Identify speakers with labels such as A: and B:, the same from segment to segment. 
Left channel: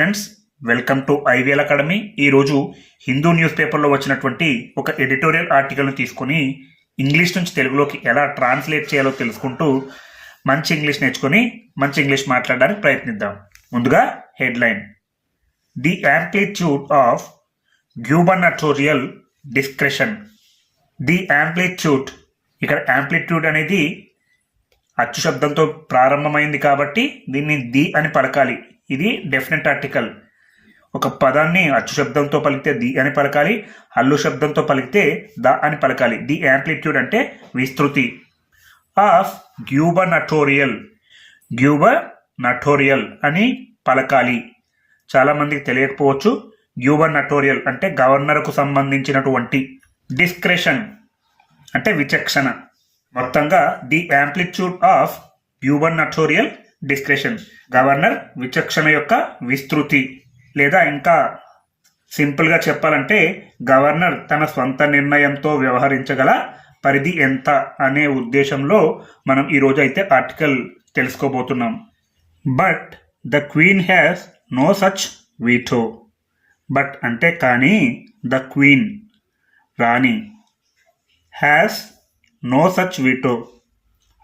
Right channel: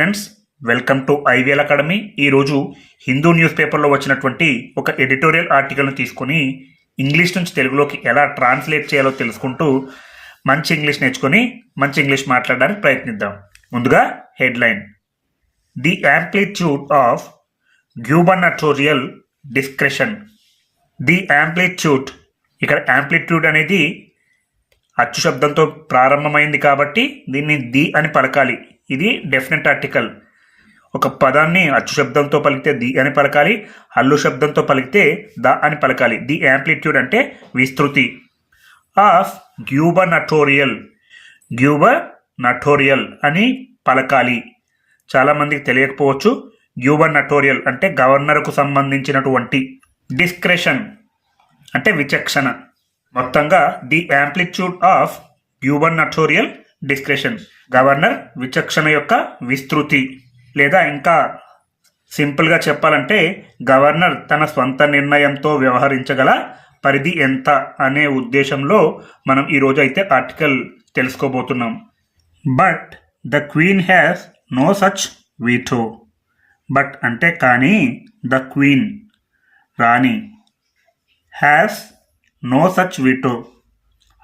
A: Friends welcome to IVL academy ఈరోజు Hindu news పేపర్లో వచ్చినటువంటి ఒక ఎడిటోరియల్ ఆర్టికల్ను తీసుకొని ఇంగ్లీష్ నుంచి తెలుగులోకి ఎలా ట్రాన్స్లేట్ చేయాలో తెలుసుకుంటూ మంచి ఇంగ్లీష్ నేర్చుకొని మంచి ఇంగ్లీష్ మాట్లాడడానికి ప్రయత్నిద్దాం. ముందుగా headline. The amplitude of gubernatorial discretion. The amplitude. ఇక్కడ యాంప్లిట్యూడ్ అనేది అచ్చు శబ్దంతో ప్రారంభమైంది కాబట్టి దీన్ని ది అని పలకాలి. ఇది డెఫినెట్ ఆర్టికల్ ఒక పదాన్ని అచ్చు శబ్దంతో పలికితే ది అని పలకాలి హల్లు శబ్దంతో పలికితే ద అని పలకాలి. ది యాంప్లిట్యూడ్ అంటే విస్తృతి. ఆఫ్ గ్యూబర్ నటోరియల్ గ్యూబర్ నటోరియల్ అని పలకాలి. చాలామందికి తెలియకపోవచ్చు గ్యూబర్ నటోరియల్ అంటే గవర్నర్కు సంబంధించినటువంటి డిస్క్రెషన్ అంటే విచక్షణ. మొత్తంగా the amplitude of gubernatorial discretion governor విచక్షణ యొక్క విస్తృతి లేదా ఇంకా సింపుల్గా చెప్పాలంటే గవర్నర్ తన స్వంత నిర్ణయంతో వ్యవహరించగల పరిధి ఎంత అనే ఉద్దేశంలో మనం ఈరోజు అయితే ఆర్టికల్ తెలుసుకోబోతున్నాం. But the queen has no such veto but అంటే కానీ ద క్వీన్ రాణి హ్యాస్ నో సచ్ వీటో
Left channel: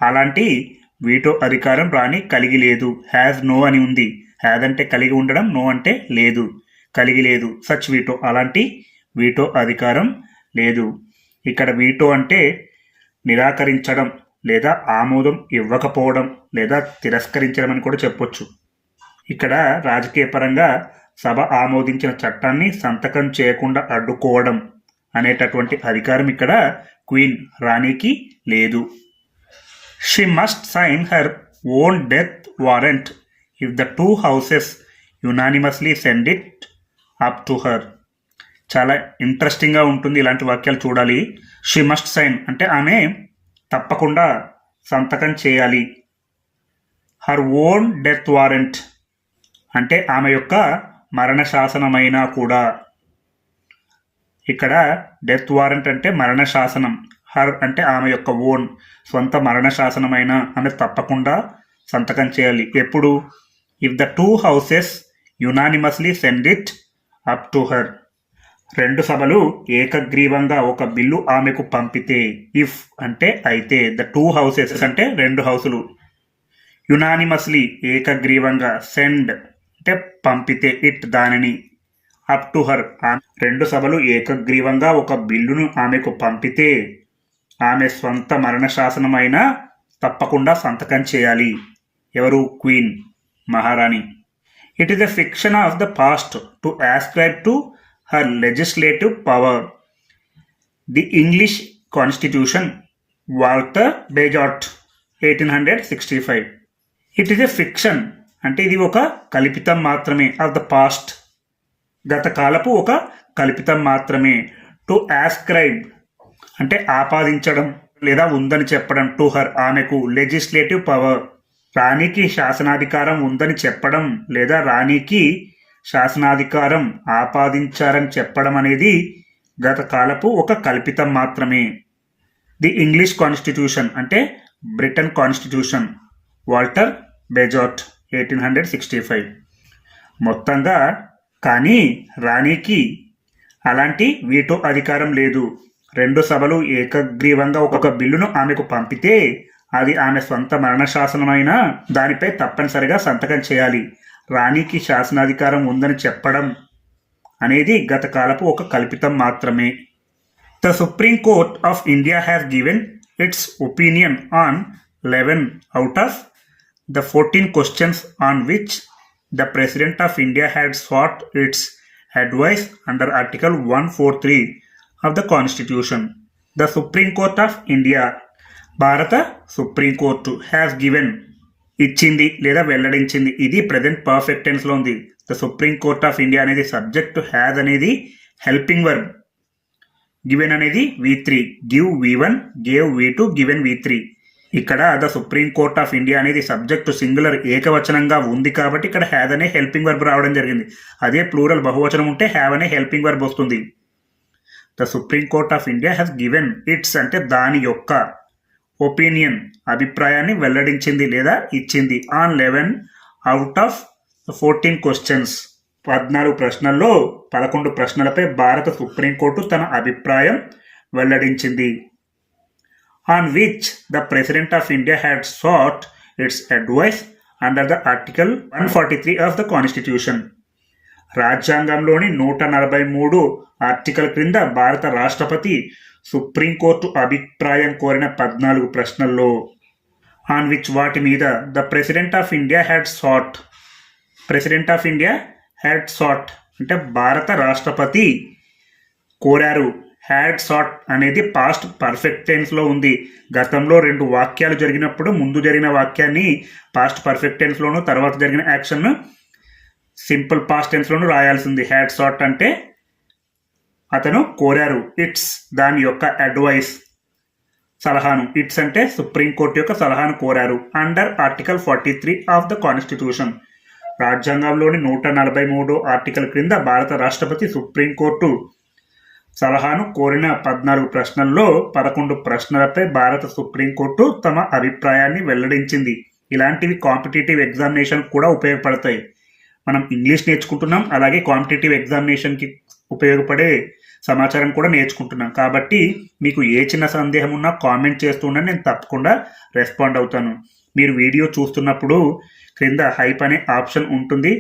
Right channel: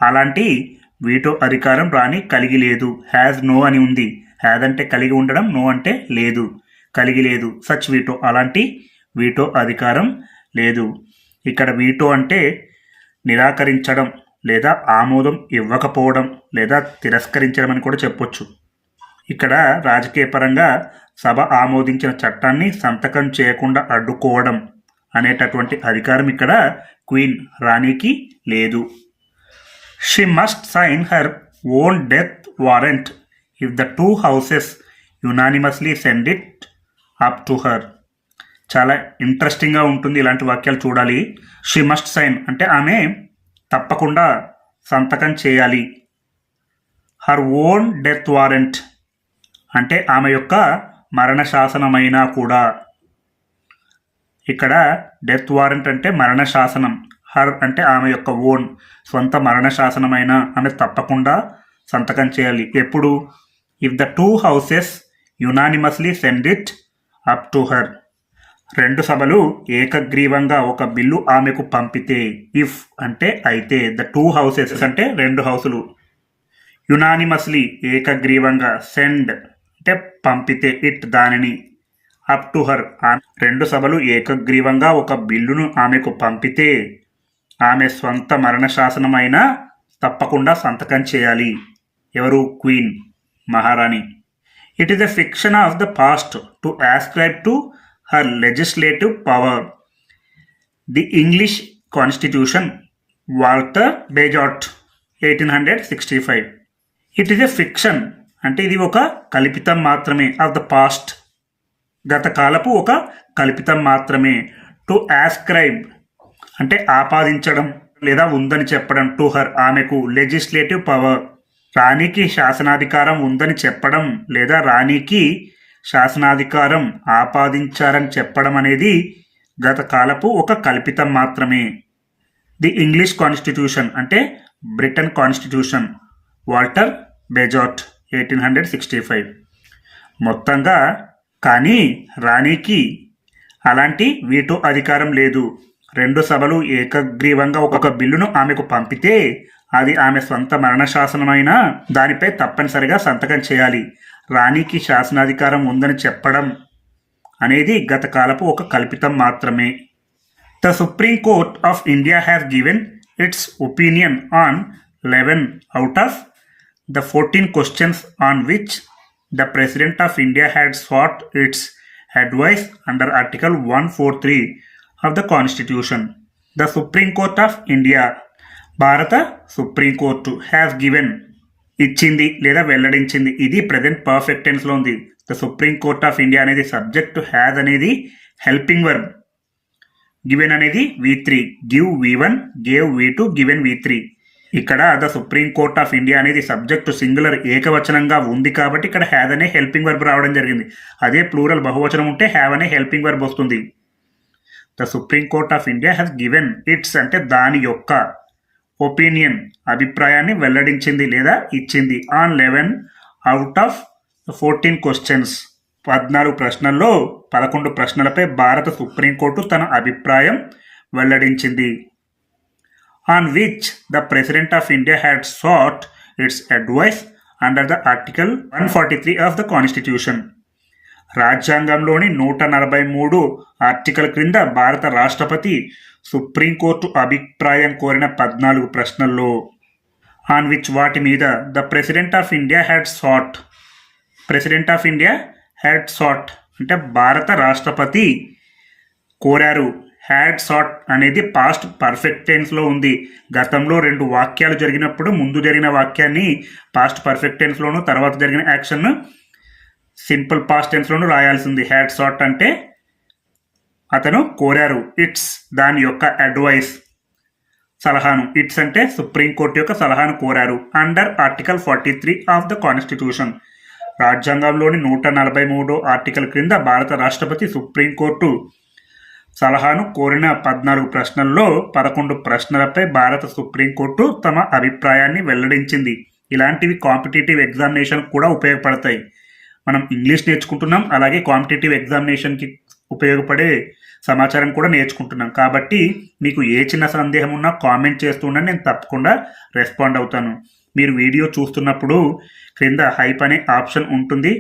A: అలాంటి వీటో అధికారం రాణి కలిగి లేదు. హ్యాజ్ నో అని ఉంది. హ్యాజ్ అంటే కలిగి ఉండడం నో అంటే లేదు. కలిగి లేదు. సచ్ వీటో అలాంటి వీటో అధికారం లేదు. ఇక్కడ వీటో అంటే నిరాకరించడం లేదా ఆమోదం ఇవ్వకపోవడం లేదా తిరస్కరించడం అని కూడా చెప్పొచ్చు. ఇక్కడ రాజకీయ పరంగా సభ ఆమోదించిన చట్టాన్ని సంతకం చేయకుండా అడ్డుకోవడం అనేటటువంటి అధికారం ఇక్కడ క్వీన్ రాణికి లేదు. She must sign her own death warrant if the two houses unanimously send it up to her చాలా ఇంట్రెస్టింగ్గా ఉంటుంది ఇలాంటి వాక్యాలు చూడాలి. షీ మస్ట్ సైన్ అంటే ఆమె తప్పకుండా సంతకం చేయాలి. హర్ ఓన్ డెత్ వారెంట్ అంటే ఆమె యొక్క మరణ శాసనమైనా కూడా. ఇక్కడ డెత్ వారెంట్ అంటే మరణ శాసనం హర్ అంటే ఆమె యొక్క ఓన్ సొంత మరణ శాసనమైన ఆమె తప్పకుండా సంతకం చేయాలి. ఎప్పుడు? If the two houses unanimously send it up to her రెండు సభలు ఏకగ్రీవంగా ఒక బిల్లు ఆమెకు పంపితే ఇఫ్ అంటే అయితే ద టూ హౌసెస్ అంటే రెండు హౌసులు. యునానిమస్లీ ఏకగ్రీవంగా సెండ్ అంటే పంపితే ఇట్ దానిని. అప్ టు హర్ రెండు సభలు ఏకగ్రీవంగా ఒక బిల్లును ఆమెకు పంపితే ఆమె స్వంత మరణశాసనమైన తప్పకుండా సంతకం చేయాలి. ఎవరు? క్వీన్. మహారాణి. It is the fiction of the past to ascribe to her legislative power the English constitution Walter Bagehot eighteen hundred sixty five it is a fiction అంటే ఇది ఒక కల్పితం మాత్రమే ఆఫ్ ద పాస్ట్ గత కాలపు ఒక కల్పితం మాత్రమే. టు ఆస్క్రైబ్ అంటే ఆపాదించడం లేదా ఉందని చెప్పడం టు హర్ ఆమెకు లెజిస్లేటివ్ పవర్ రాణికి శాసనాధికారం ఉందని చెప్పడం లేదా రాణికి శాసనాధికారం ఆపాదించారని చెప్పడం అనేది గత కాలపు ఒక కల్పితం మాత్రమే. ది ఇంగ్లీష్ కాన్స్టిట్యూషన్ అంటే Britain constitution Walter Bagehot eighteen hundred sixty five మొత్తంగా కానీ రాణికి అలాంటి వీటో అధికారం లేదు. రెండు సభలు ఏకగ్రీవంగా ఒక బిల్లును ఆమెకు పంపితే అది ఆమె సొంత మరణశాసనమైన దానిపై తప్పనిసరిగా సంతకం చేయాలి. రాణికి శాసనాధికారం ఉందని చెప్పడం అనేది గతకాలపు ఒక కల్పితం మాత్రమే. The supreme court of India has given its opinion on eleven out of the fourteen questions on which the president of India had sought its advice under article one four three of the constitution the supreme court of India భారత supreme court has given ఇచ్చింది లేదా వెల్లడించింది. ఇది present perfect టెన్స్లో ఉంది. The supreme court of India అనేది subject has అనేది helping verb given అనేది V three give V one gave V two given V three ఇక్కడ the supreme court of India అనేది సబ్జెక్టు సింగులర్ ఏకవచనంగా ఉంది కాబట్టి ఇక్కడ హ్యాజ్ అనే హెల్పింగ్ వర్బ్ రావడం జరిగింది. అదే ప్లూరల్ బహువచనం ఉంటే హ్యావ్ అనే హెల్పింగ్ వర్బ్ వస్తుంది. The supreme court of India has given its అంటే దాని యొక్క ఒపీనియన్ అభిప్రాయాన్ని వెల్లడించింది లేదా ఇచ్చింది. On eleven out of fourteen questions పద్నాలుగు ప్రశ్నల్లో పదకొండు ప్రశ్నలపై భారత సుప్రీంకోర్టు తన అభిప్రాయం వెల్లడించింది. On which the president of India had sought its advice under the article one forty three of the constitution రాజ్యాంగంలోని నూట నలభై మూడు ఆర్టికల్ క్రింద భారత రాష్ట్రపతి సుప్రీంకోర్టు అభిప్రాయం కోరిన పద్నాలుగు ప్రశ్నల్లో. ఆన్ విచ్ వాటి మీద the president of India had sought. President of India had sought అంటే భారత రాష్ట్రపతి కోరారు. హ్యాడ్ సాట్ అనేది పాస్ట్ పర్ఫెక్ట్ టెన్స్లో ఉంది. గతంలో రెండు వాక్యాలు జరిగినప్పుడు ముందు జరిగిన వాక్యాన్ని పాస్ట్ పర్ఫెక్ట్ టెన్స్లోను తర్వాత జరిగిన యాక్షన్ సింపుల్ పాస్ట్ టెన్స్లోనూ రాయాల్సింది. హ్యాడ్ సాట్ అంటే అతను కోరారు. ఇట్స్ దాని యొక్క అడ్వైస్ సలహాను. ఇట్స్ అంటే సుప్రీంకోర్టు యొక్క సలహాను కోరారు. Under article forty three of the constitution రాజ్యాంగంలోని నూట నలభై మూడో ఆర్టికల్ క్రింద భారత రాష్ట్రపతి సుప్రీంకోర్టు సలహాను కోరిన పద్నాలుగు ప్రశ్నల్లో పదకొండు ప్రశ్నలపై భారత సుప్రీంకోర్టు తమ అభిప్రాయాన్ని వెల్లడించింది. ఇలాంటివి కాంపిటేటివ్ ఎగ్జామినేషన్ కూడా ఉపయోగపడతాయి. మనం ఇంగ్లీష్ నేర్చుకుంటున్నాం అలాగే కాంపిటేటివ్ ఎగ్జామినేషన్కి ఉపయోగపడే సమాచారం కూడా నేర్చుకుంటున్నాం. కాబట్టి మీకు ఏ చిన్న సందేహం ఉన్నా కామెంట్ చేస్తుండే నేను తప్పకుండా రెస్పాండ్ అవుతాను. మీరు వీడియో చూస్తున్నప్పుడు క్రింద హైప్ అనే ఆప్షన్ ఉంటుంది.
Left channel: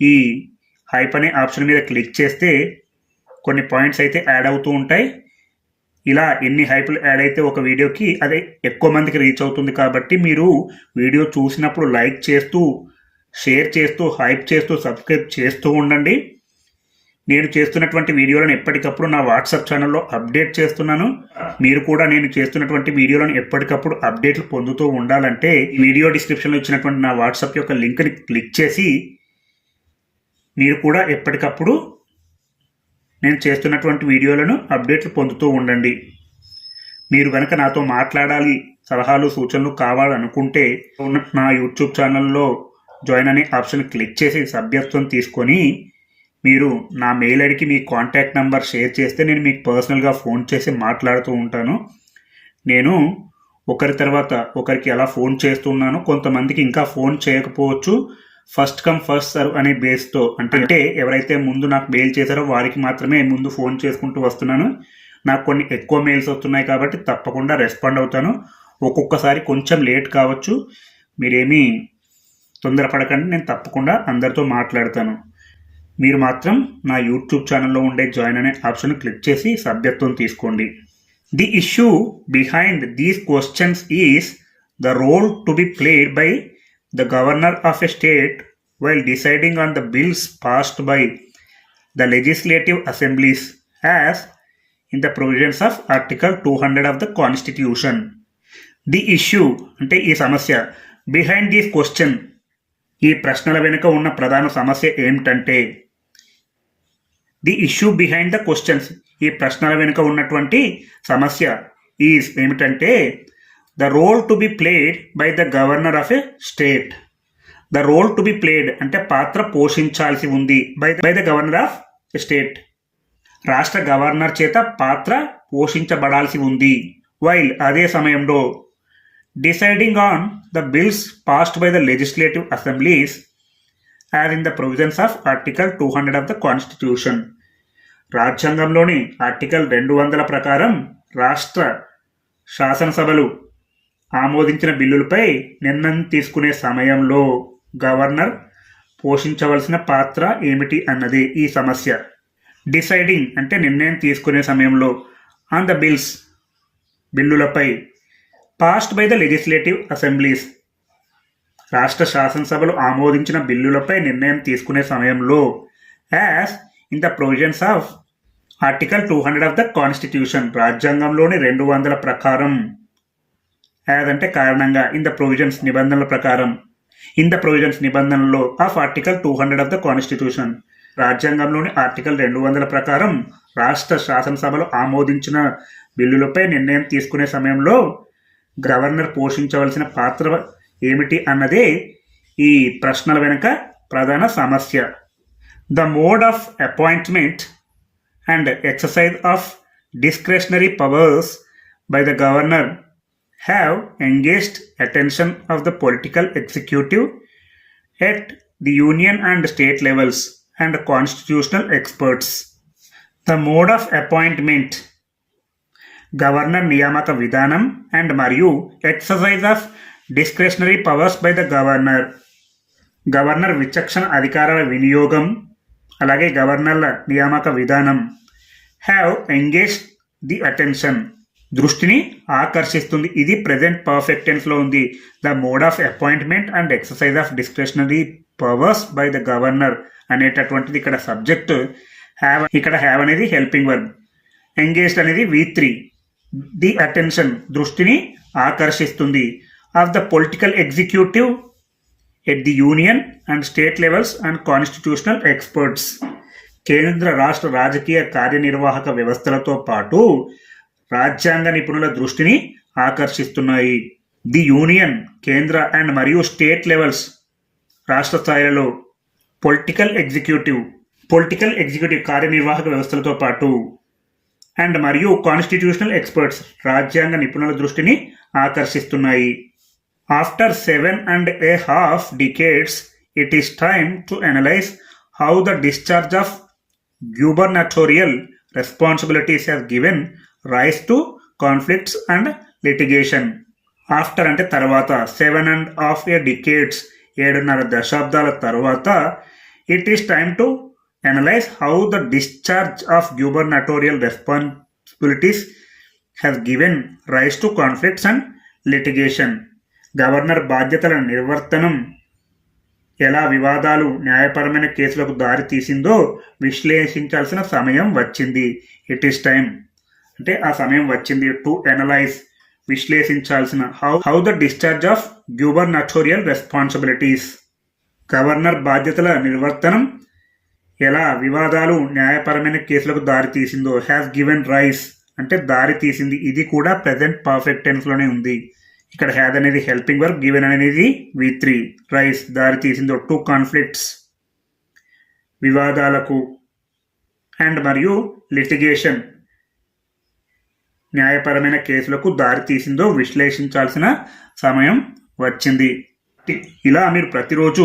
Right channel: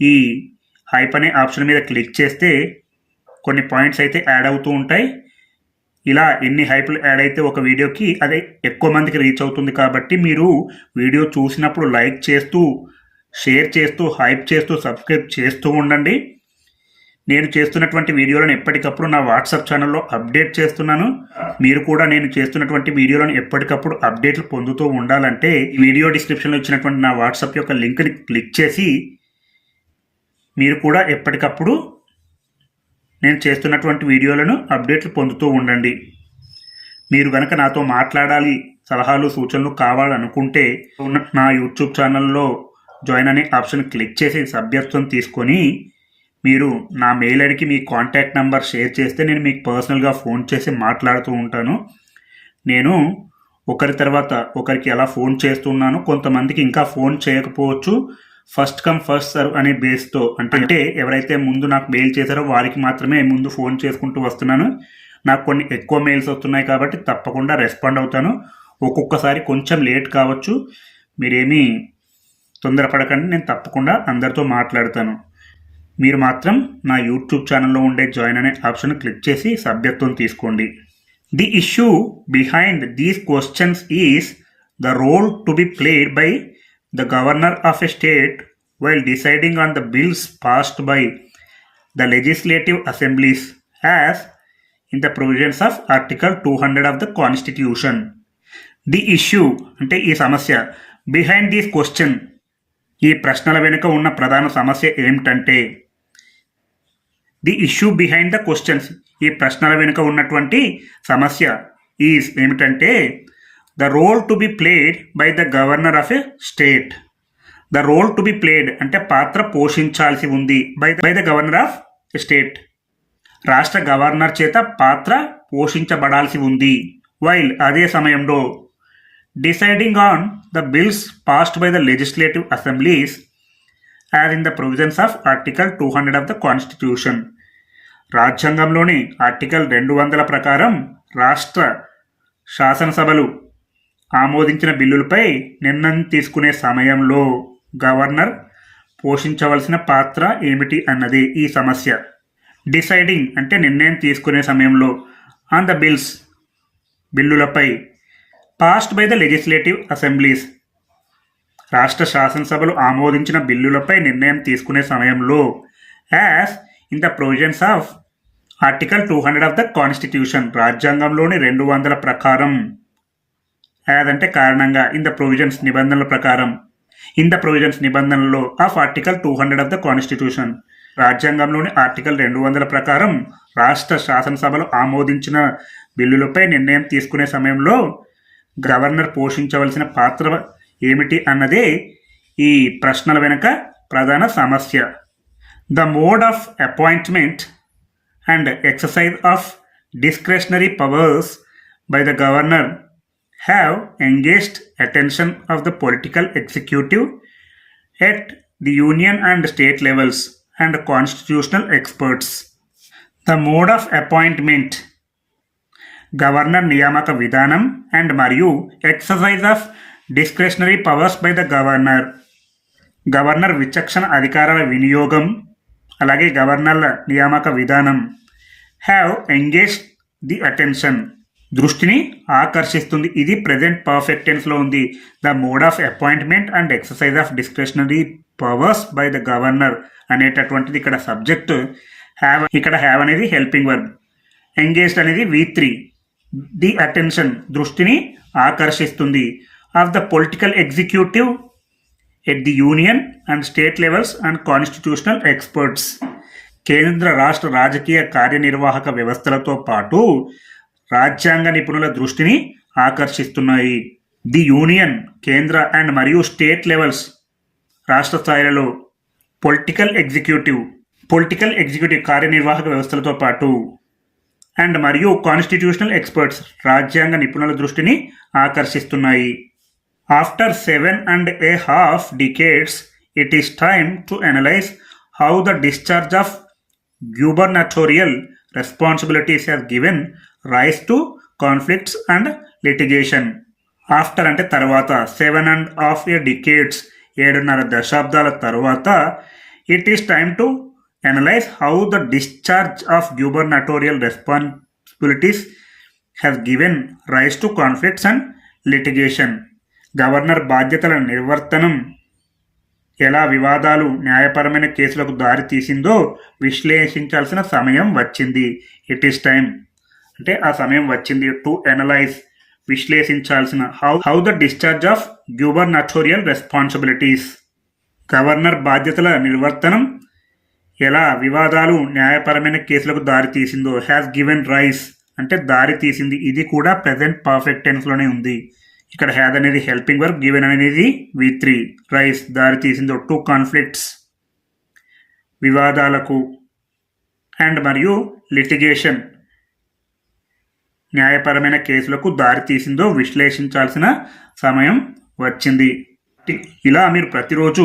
A: ఈ హైప్ అనే ఆప్షన్ మీద క్లిక్ చేస్తే కొన్ని పాయింట్స్ అయితే యాడ్ అవుతూ ఉంటాయి. ఇలా ఎన్ని హైప్లు యాడ్ అయితే ఒక వీడియోకి అదే ఎక్కువ మందికి రీచ్ అవుతుంది కాబట్టి మీరు వీడియో చూసినప్పుడు లైక్ చేస్తూ షేర్ చేస్తూ హైప్ చేస్తూ సబ్స్క్రైబ్ చేస్తూ ఉండండి. నేను చేస్తున్నటువంటి వీడియోలను ఎప్పటికప్పుడు నా వాట్సాప్ ఛానల్లో అప్డేట్ చేస్తున్నాను. మీరు కూడా నేను చేస్తున్నటువంటి వీడియోలను ఎప్పటికప్పుడు అప్డేట్లు పొందుతూ ఉండాలంటే వీడియో డిస్క్రిప్షన్లో ఇచ్చినటువంటి నా వాట్సాప్ యొక్క లింక్ని క్లిక్ చేసి మీరు కూడా ఎప్పటికప్పుడు నేను చేస్తున్నటువంటి వీడియోలను అప్డేట్లు పొందుతూ ఉండండి. మీరు కనుక నాతో మాట్లాడాలి సలహాలు సూచనలు కావాలనుకుంటే నా యూట్యూబ్ ఛానల్లో జాయిన్ అనే ఆప్షన్ క్లిక్ చేసి సభ్యత్వం తీసుకొని మీరు నా మెయిల్ ఐడికి మీ కాంటాక్ట్ నెంబర్ షేర్ చేస్తే నేను మీకు పర్సనల్గా ఫోన్ చేసి మాట్లాడుతూ ఉంటాను. నేను ఒకరి తర్వాత ఒకరికి ఎలా ఫోన్ చేస్తున్నాను కొంతమందికి ఇంకా ఫోన్ చేయకపోవచ్చు. ఫస్ట్ కమ్ ఫస్ట్ సర్వ్ అనే బేస్తో అంటే అంటే ఎవరైతే ముందు నాకు మెయిల్ చేశారో వారికి మాత్రమే ముందు ఫోన్ చేసుకుంటూ వస్తున్నాను. నాకు కొన్ని ఎక్కువ మెయిల్స్ వస్తున్నాయి కాబట్టి తప్పకుండా రెస్పాండ్ అవుతాను. ఒక్కొక్కసారి కొంచెం లేట్ కావచ్చు. మీరేమీ తొందరపడకండి నేను తప్పకుండా అందరితో మాట్లాడతాను. మీరు మాత్రం నా యూట్యూబ్ ఛానల్లో ఉండే జాయిన్ అనే ఆప్షన్ క్లిక్ చేసి సభ్యత్వం తీసుకోండి. The issue behind these questions is the role to be played by the governor of a state while deciding on the bills passed by the legislative assemblies as in the provisions of article two hundred of the constitution. The issue అంటే ఈ సమస్య behind these question ఈ ప్రశ్నల వెనుక ఉన్న ప్రధాన సమస్య ఏమిటంటే the issue behind the questions ఈ ప్రశ్నల వెనుక ఉన్నటువంటి సమస్య ఈజ్ ఏమిటంటే the role to be played by the governor of a state the role to be played అంటే పాత్ర పోషించాల్సి ఉంది by by the governor of state రాష్ట్ర గవర్నర్ చేత పాత్ర పోషించబడాల్సి ఉంది. వైల్ అదే సమయంలో deciding on the bills passed by the legislative assemblies as in the provisions of article two hundred of the constitution రాజ్యాంగంలోని ఆర్టికల్ రెండు వందల ప్రకారం రాష్ట్ర శాసనసభలు ఆమోదించిన బిల్లులపై నిర్ణయం తీసుకునే సమయంలో గవర్నర్ పోషించవలసిన పాత్ర ఏమిటి అన్నది ఈ సమస్య. డిసైడింగ్ అంటే నిర్ణయం తీసుకునే సమయంలో on the bills బిల్లులపై passed by the legislative assemblies రాష్ట్ర శాసనసభలు ఆమోదించిన బిల్లులపై నిర్ణయం తీసుకునే సమయంలో as in the provisions of article two hundred of the constitution రాజ్యాంగంలోని రెండు వందల ప్రకారం యాజ్ అంటే కారణంగా ఇన్ ద ప్రొవిజన్స్ నిబంధనల ప్రకారం ఇన్ ద ప్రొవిజన్స్ నిబంధనలో of article two hundred of the constitution రాజ్యాంగంలోని ఆర్టికల్ రెండు వందల ప్రకారం రాష్ట్ర శాసనసభలు ఆమోదించిన బిల్లులపై నిర్ణయం తీసుకునే సమయంలో గవర్నర్ పోషించవలసిన పాత్ర ఏమిటి అన్నదే ఈ ప్రశ్నల వెనుక ప్రధాన సమస్య. The mode of appointment and exercise of discretionary powers by the governor have engaged attention of the political executive at the union and state levels and constitutional experts the mode of appointment governor నియామక విధానం and మరియు exercise of discretionary powers by the governor. Governor విచక్షణ అధికారాల వినియోగం అలాగే గవర్నర్ల నియామక విధానం. Have engage the attention దృష్టిని ఆకర్షిస్తుంది. ఇది ప్రెజెంట్ పర్ఫెక్ట్ టెన్స్లో ఉంది. The mode of appointment and exercise of discretionary powers by the governor అనేటటువంటిది ఇక్కడ సబ్జెక్ట్ హ్యావ్ ఇక్కడ హ్యావ్ అనేది హెల్పింగ్ వర్బ్ ఎంగేజ్డ్ అనేది వి త్రీ ది అటెన్షన్ దృష్టిని ఆకర్షిస్తుంది. Of the political executive at the union and state levels and constitutional experts. కేంద్ర రాష్ట్ర రాజకీయ కార్యనిర్వాహక వ్యవస్థలతో పాటు రాజ్యాంగ నిపుణుల దృష్టిని ఆకర్షిస్తున్నాయి. ది యూనియన్ కేంద్ర అండ్ మరియు స్టేట్ లెవెల్స్ రాష్ట్ర స్థాయిలో పొలిటికల్ ఎగ్జిక్యూటివ్ పొలిటికల్ ఎగ్జిక్యూటివ్ కార్యనిర్వాహక వ్యవస్థలతో పాటు అండ్ మరియు కాన్స్టిట్యూషనల్ ఎక్స్పర్ట్స్ రాజ్యాంగ నిపుణుల దృష్టిని ఆకర్షిస్తున్నాయి after seven and a half decades it is time to analyse how the discharge of gubernatorial responsibilities has given rise to conflicts and litigation. After అంటే తర్వాత seven and half a decades ఏడున్నర దశాబ్దాల తర్వాత it is time to analyze how the discharge of gubernatorial responsibilities has given rise to conflicts and litigation governor బాధ్యతల నిర్వర్తనం ఎలా వివాదాలు న్యాయపరమైన కేసులకు దారి తీసిందో విశ్లేషించాల్సిన సమయం వచ్చింది. ఇట్ ఈస్ టైం అంటే ఆ సమయం వచ్చింది to analyse విశ్లేషించాల్సిన how how the discharge of gubernatorial responsibilities governor బాధ్యతల నిర్వర్తనం ఎలా వివాదాలు న్యాయపరమైన కేసులకు దారితీసిందో హ్యాస్ గివెన్ రైస్ అంటే దారి తీసింది. ఇది కూడా ప్రజెంట్ పర్ఫెక్ట్ టెన్స్లోనే ఉంది. ఇక్కడ హ్యాద్ అనేది హెల్పింగ్ వర్క్ గివెన్ అనేది వి త్రీ రైస్ దారి తీసిందో టూ కాన్ఫ్లిక్ట్స్ వివాదాలకు అండ్ మరియు లిటిగేషన్ న్యాయపరమైన కేసులకు దారి తీసిందో విశ్లేషించాల్సిన సమయం వచ్చింది. ఇలా మీరు ప్రతిరోజు